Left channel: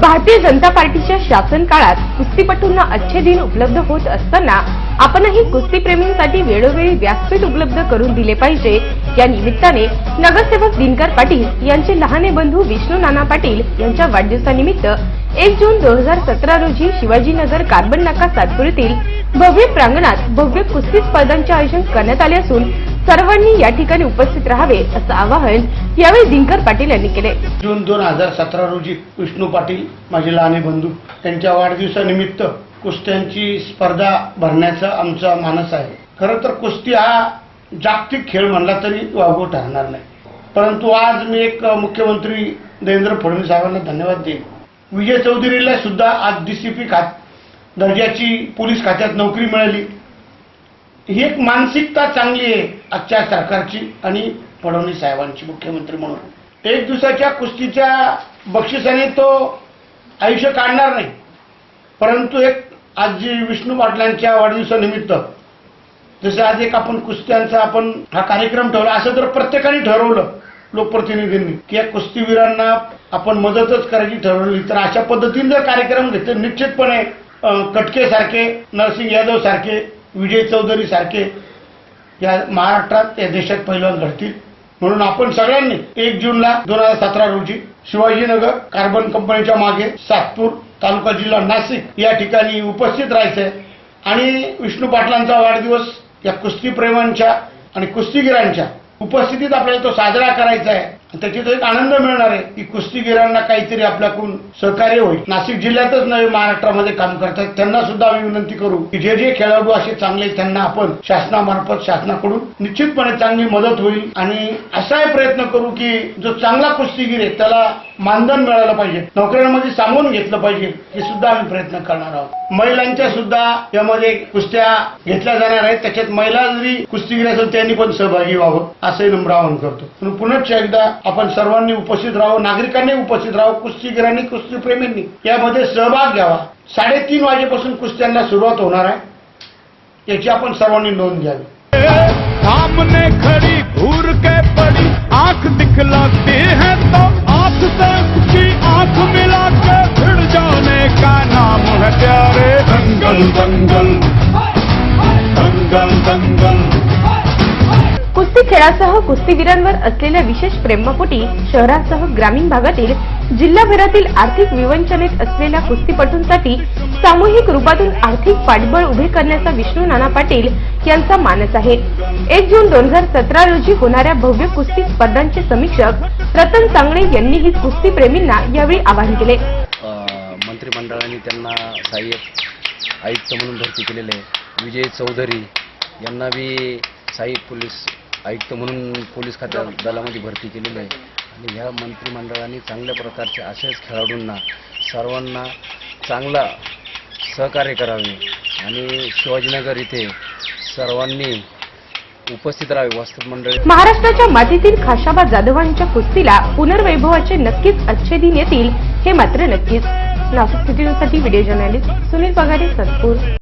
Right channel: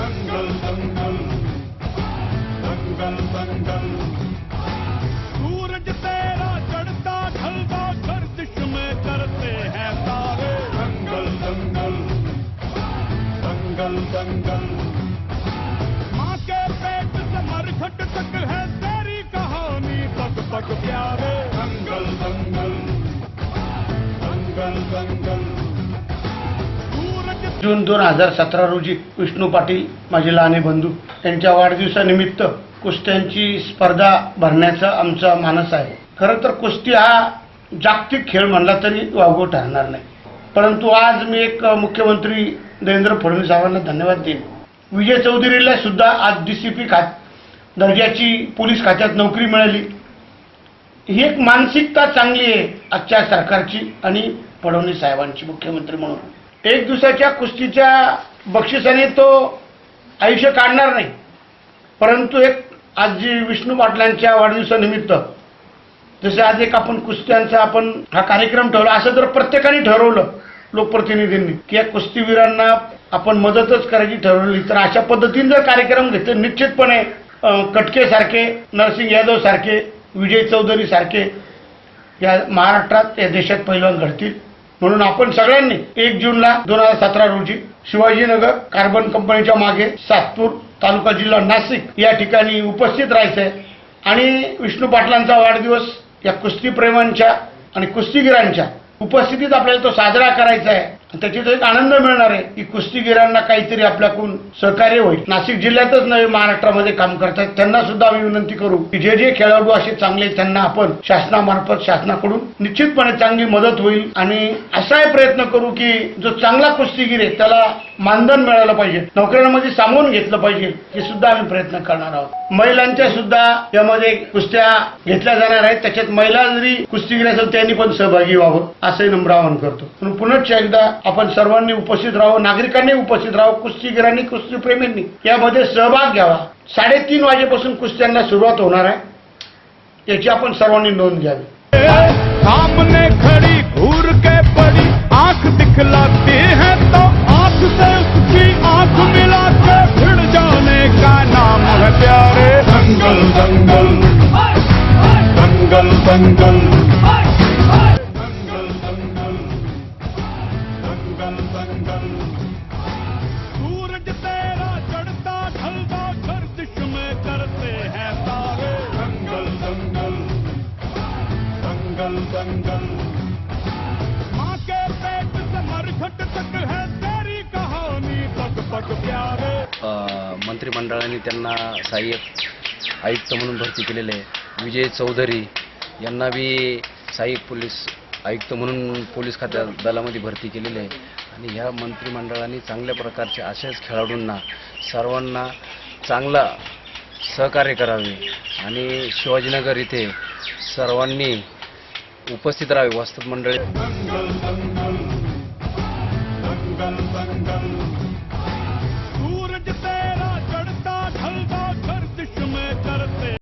भारतीय जनता पार्टीच्या शासन काळात कुस्तीपटूंना अच्छे दिन उपलब्ध होत असताना आपणही कुस्तीप्रेमींसाठी वेळोवेळी व्यासपीठ उपलब्ध करून दिले पाहिजे. या निमित्ताने नगरसेवक दिनकर पाटील यांचे लहाने बंधू विष्णू नाना पाटील यांच्या वाढदिवसानिमित्त एक जून दोन हजार सतरा रोजी शिवाजीनगर कार्बन नाका सातपुरीतील भव्य प्रांगणात भव्य कुस्ती स्पर्धांचे आयोजन करण्यात आले असून सर्वांनी या ठिकाणी उपस्थित राहावे असं आवाहन यावेळी दिनकर पाटील यांनी केले. जून दोन हजार सतरा रोजी विष्णू पाटील माझे लहाने बंधू त्यांच्या वाढदिवसानिमित्त कुस्त्यांची स्पर्धा भरण्याचा आमचा मानस आहे. खरं तर कुस्ती हा जागतिक खेळ म्हणला तरी वावगो ठरणार नाही. परंतु आज मी एक मुख्यमंत्री देवेंद्र फडणवीस साहेबांना धन्यवाद देईन. विजय चौधरीला सुद्धा आज डी सी पी खात दर्जाची पोलीस खात्यात नोकरी मिळाली. ही एक मानसिकता चांगली आहे आजच्या सरकारची आणि फडणवीस साहेबांची मुख्यमंत्री म्हणून. एक दिवसाच्या कुस्तीच्या बक्षिसाने तो आयुष्य काढणार नाही. परंतु एक आज जी विष्णू पाटलांच्या वाढदिवसानिमित्त जसं आज एक आपण कुस्त्यांचा आपण हा कार्यक्रम ठेवला असं जर प्रत्येकाने ठरवलं लोकप्रतिनिधींनी की या कुस्तीवीरांना आपण मदतच करायची ठरवली तर अशा पद्धतीने जर कार्यक्रम घेतले निश्चितपणे कटके सारखे नरसिंग यादव सारखे विजय चौधरी सारखे या महाराष्ट्रात या देशात पहिलवान घडतील. म्हणून आपण सगळ्यांनी एक जूनला दोन हजार सतरा रोजी शिवाजीनगर कार्बन कंपनीच्या मागे सातपूर तालुका जिल्हा नाशिक या ठिकाणी उपस्थित राहायचंय. आणि विष्णू पाटलांचा वाढदिवस या कुस्तीप्रेमांच्या आणि कुस्तीगिरांच्या उपस्थितीत आपल्याला तो साजरा करायचा आहे त्याच्यात एक आनंद मिळणार आहे. की कुस्तीगिरांना काहीतरी आपल्याकडून सहकार्य होईल. नाशिक जिल्ह्यातच नव्हे महाराष्ट्रामध्ये काम करतात त्यांना सुद्धा आम्ही विनंती करू की जे जे खेळाडू असे चांगले त्यांना आपण शासनामार्फत शासनाकडून निश्चितपणे चांगली मदत होईल. आणि असाही प्रयत्न करू की जो चांगला कुस्तीगीर आहे त्याला मानधन मिळालं पाहिजे. नोकऱ्यांमध्ये सामावून घेतलं पाहिजे. हे सुद्धा आम्ही प्रयत्न करणार आहोत. महिलांच्या सुद्धा यामध्ये कुस्त्या घेतल्या जाणार आहेत. त्याच्यात महिला जरी कुस्तीगीर असेल त्यांनी पण सहभागी व्हावं. असंही नम्र आवाहन करतो. म्हणून पुनश्च एकदा आपण सर्वांनी उपस्थित राहावं नागरिकांनी उपस्थित राहावं कुस्तीगिरांनी कुस्तीप्रेमींनी. यामध्ये सहभाग घ्यावा. साडेतीन वाजेपासून कुस्त्यांना सुरुवात होणार आहे. याची आपण सर्वांनी नोंद घ्यावी. सामने खड़ी घूर के पड़ी आंख दिखलाते हैं तो आंख से उसकी आंख मिला के भिड़ जाने का नाम है प्यारे। दंगल दंगल दंगल दंगल कुस्ती खेळासह कुस्तीगिरांवर असलेल्या विशेष प्रेमापोटी शहरासह ग्रामीण भागातील जिल्हाभरातील आर्थिक विवंचनेत असलेल्या कुस्तीपटूंसाठी सामूहिक रूपातून आर्थिक पाठबळ उभे करण्याचा विष्णू नाना पाटील यांचा मानस आहे. एक जून दोन हजार सतरा रोजी होणाऱ्या भव्य कुस्ती स्पर्धांचे समीक्षक रतन सांगणे यांनीही कुस्तीप्रेमींना यावेळी आवाहन केले. मंत्रिमंडळाने त्यांना सहाय्यक आयुक्त म्हणून भरती केलेले विजय चौधरी यांना बी सहाय्यक पोलीस आयुक्त म्हणून पोलीस खात्या दलामध्ये भरती केलेली आहे. आणि ह्या मंत्रिमंडळाने चांगल्या प्रकारचे अशाच खेळाडूंना सर्वांना चांगला सहकार्य करावे. आणि शिवाजीनगर इथे सर्वांनी उपस्थित राहावे वास्तव मंडळी. महाराष्ट्राच्या मातीतील खाशाबा जाधवांच्या कुस्तीला पुनर्वैभवाचे नक्कीच अच्छे दिन येतील हे मात्र नक्कीच. Nashik city video journalist Sunil Pagare Satpur.